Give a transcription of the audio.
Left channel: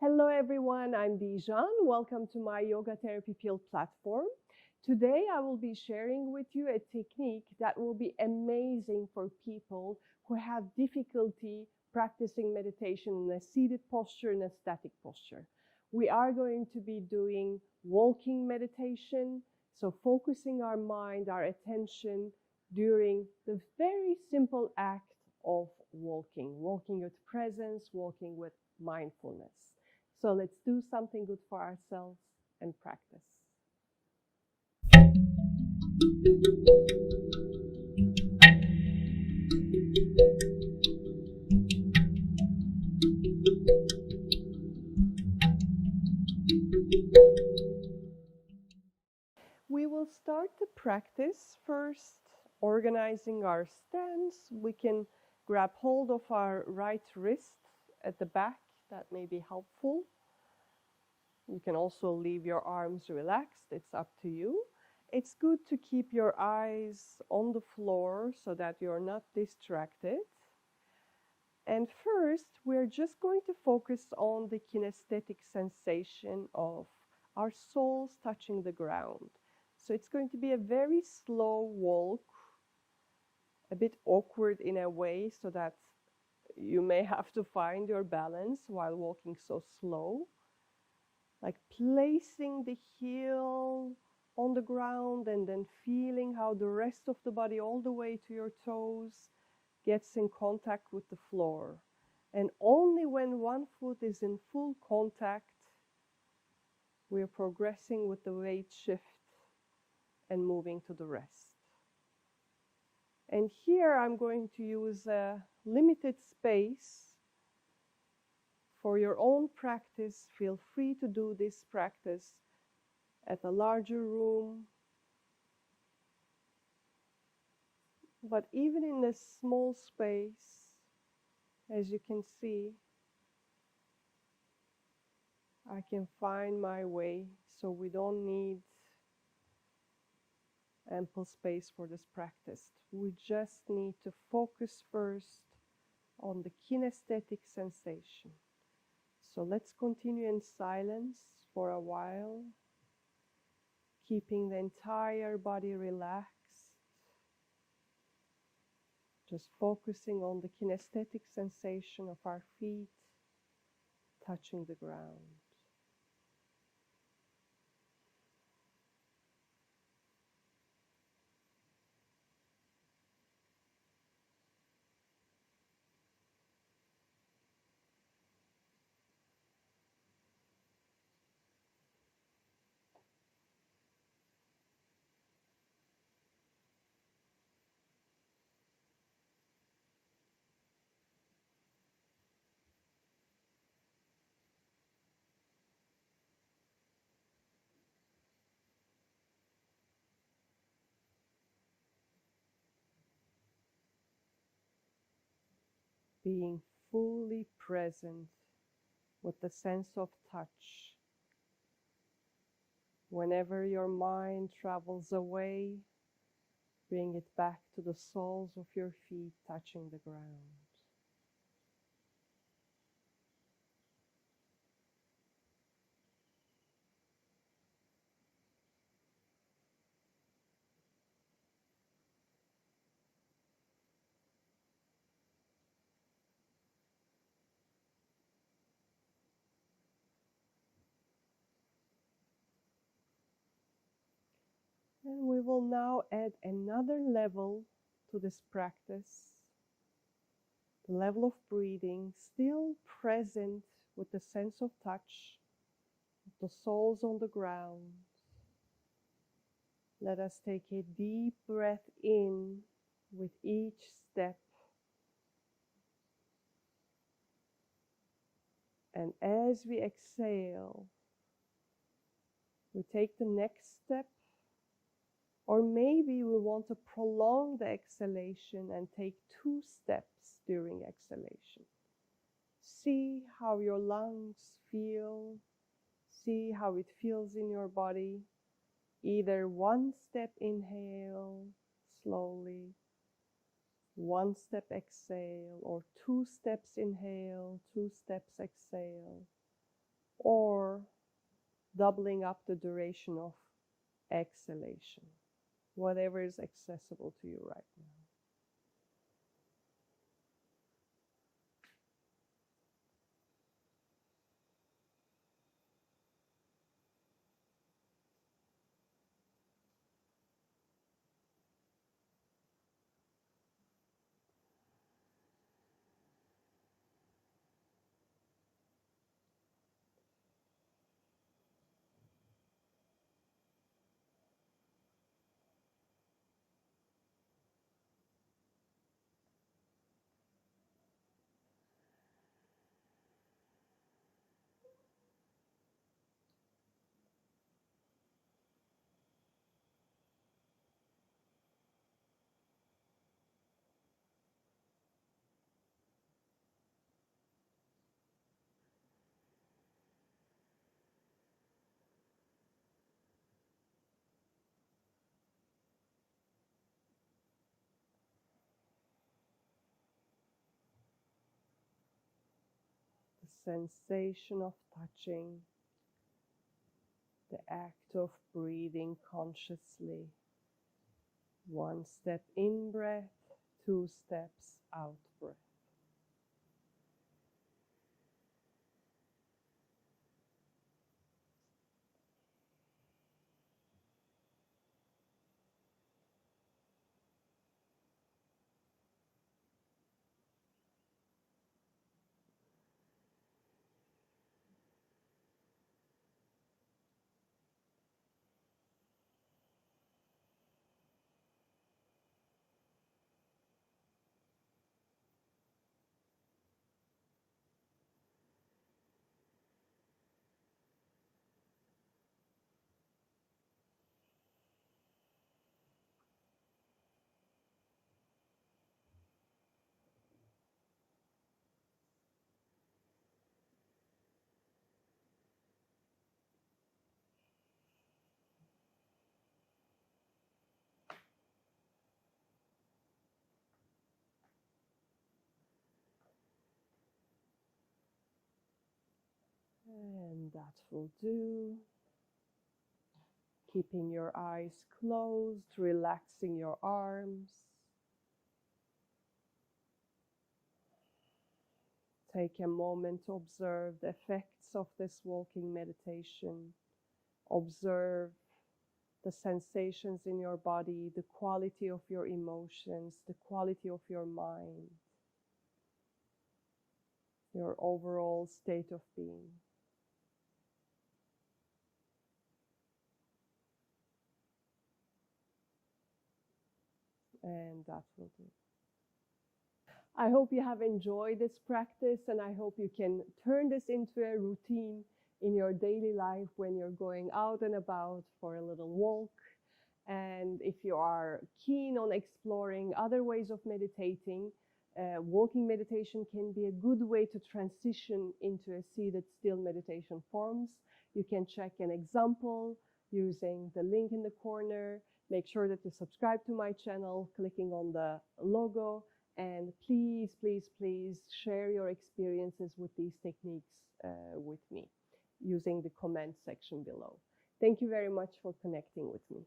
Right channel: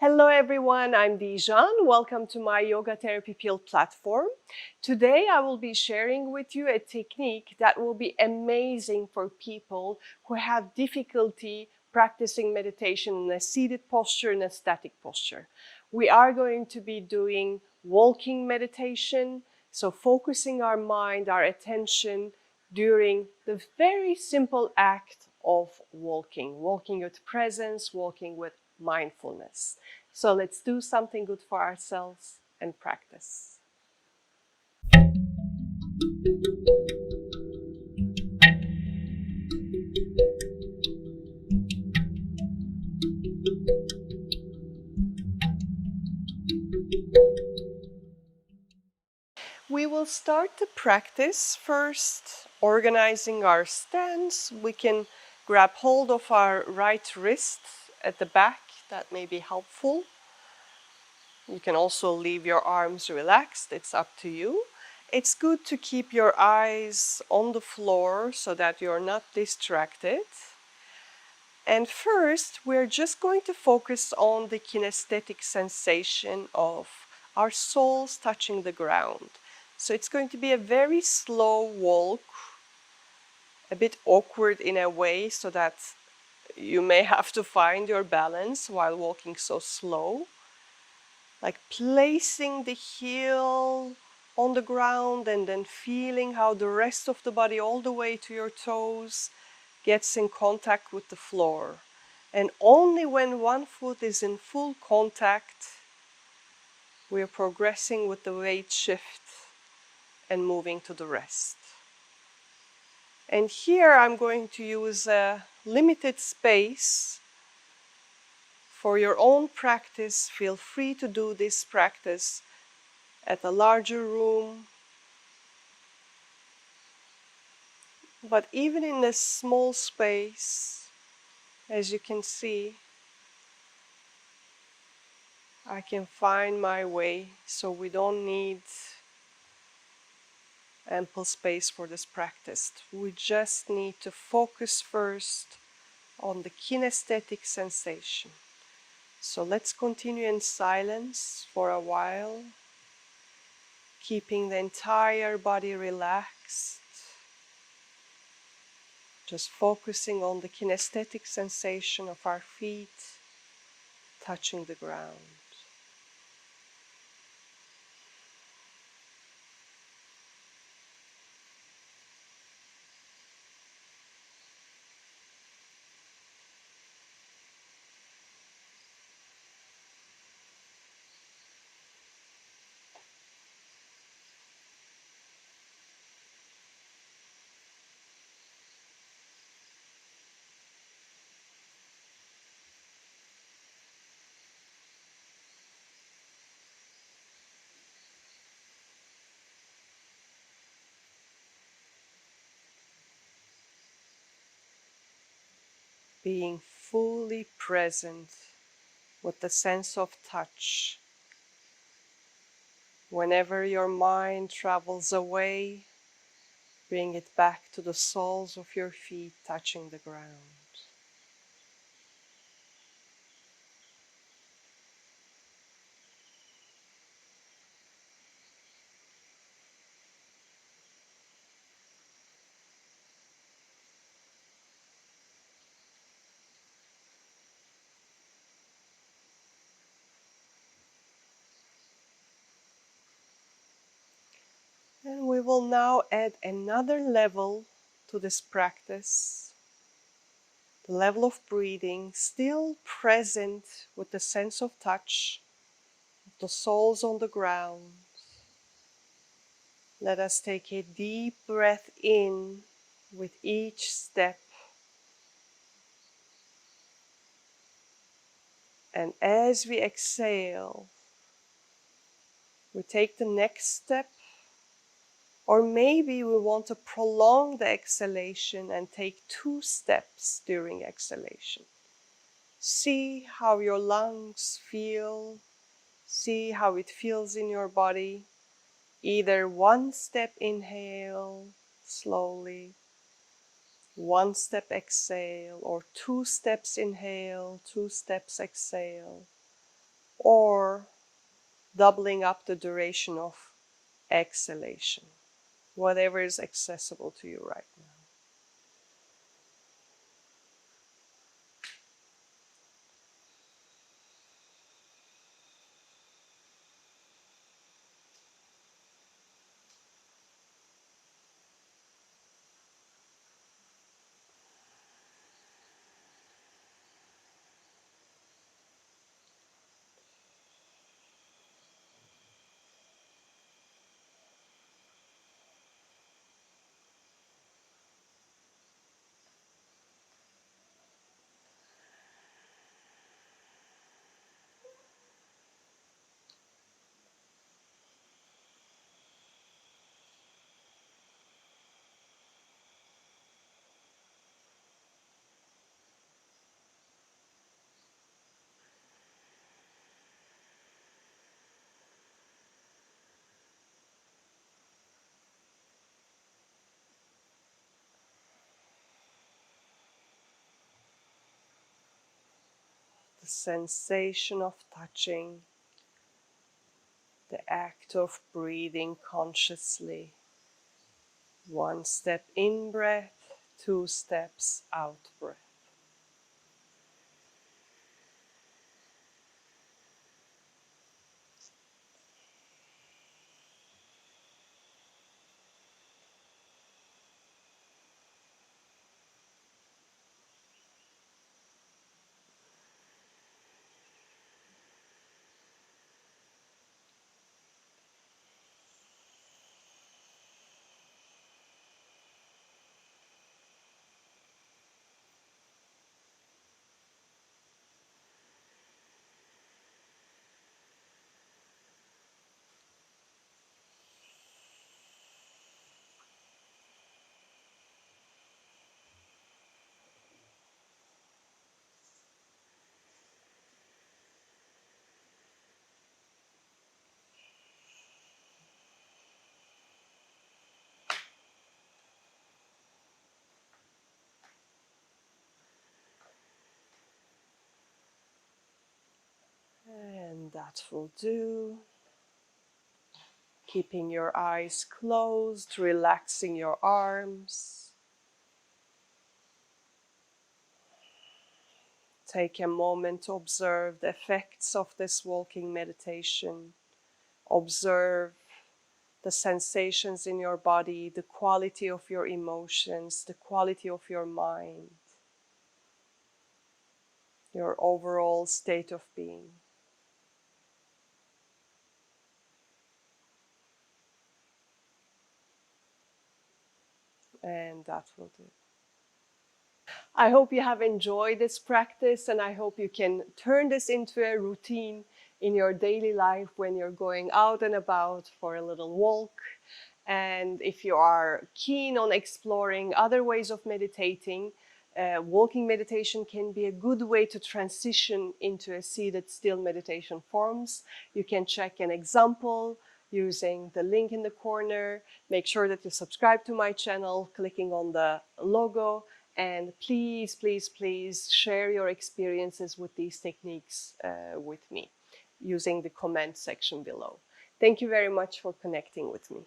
Hello everyone, I'm Dijan. Welcome to my Yoga Therapy Pill platform. Today I will be sharing with you a technique that will be amazing for people who have difficulty practicing meditation in a seated posture and a static posture. We are going to be doing walking meditation, so focusing our mind, our attention during the very simple act of walking with presence, walking with mindfulness. So let's do something good for ourselves and practice. We will start the practice first, organizing our stance. We can grab hold of our right wrist at the back. That may be helpful. You can also leave your arms relaxed. It's up to you. It's good to keep your eyes on the floor so that you're not distracted. And first, we're just going to focus on the kinesthetic sensation of our soles touching the ground. So it's going to be a very slow walk, a bit awkward in a way, so that you may have to find your balance while walking so slow. Like placing the heel on the ground and then feeling how the rest of the body, all the way to your toes, gets in contact with the floor. And only when one foot is in full contact, we are progressing with the weight shift and moving to the rest. And here I'm going to use a limited space for your own practice. Feel free to do this practice at a larger room, but even in this small space, as you can see, I can find my way, so we don't need ample space for this practice. We just need to focus first on the kinesthetic sensation. So let's continue in silence for a while, keeping the entire body relaxed, just focusing on the kinesthetic sensation of our feet touching the ground. Being fully present with the sense of touch. Whenever your mind travels away, bring it back to the soles of your feet touching the ground. And we will now add another level to this practice. The level of breathing, still present with the sense of touch, the soles on the ground. Let us take a deep breath in with each step. And as we exhale, we take the next step. Or maybe we want to prolong the exhalation and take 2 steps during exhalation. See how your lungs feel. See how it feels in your body. Either 1 step inhale slowly, 1 step exhale, or 2 steps inhale, 2 steps exhale. or doubling up the duration of exhalation, whatever is accessible to you right now. The sensation of touching, the act of breathing consciously. One step in breath, two steps out breath. And that will do. Keeping your eyes closed, relaxing your arms. Take a moment to observe the effects of this walking meditation. Observe the sensations in your body, the quality of your emotions, the quality of your mind, your overall state of being. And that will do. I hope you have enjoyed this practice, and I hope you can turn this into a routine in your daily life when you're going out and about for a little walk. And if you are keen on exploring other ways of meditating, walking meditation can be a good way to transition into a seated still meditation forms. You can check an example using the link in the corner. Make sure that you subscribe to my channel, clicking on the logo. And please, please, please share your experiences with these techniques with me using the comment section below. Thank you very much for connecting with me.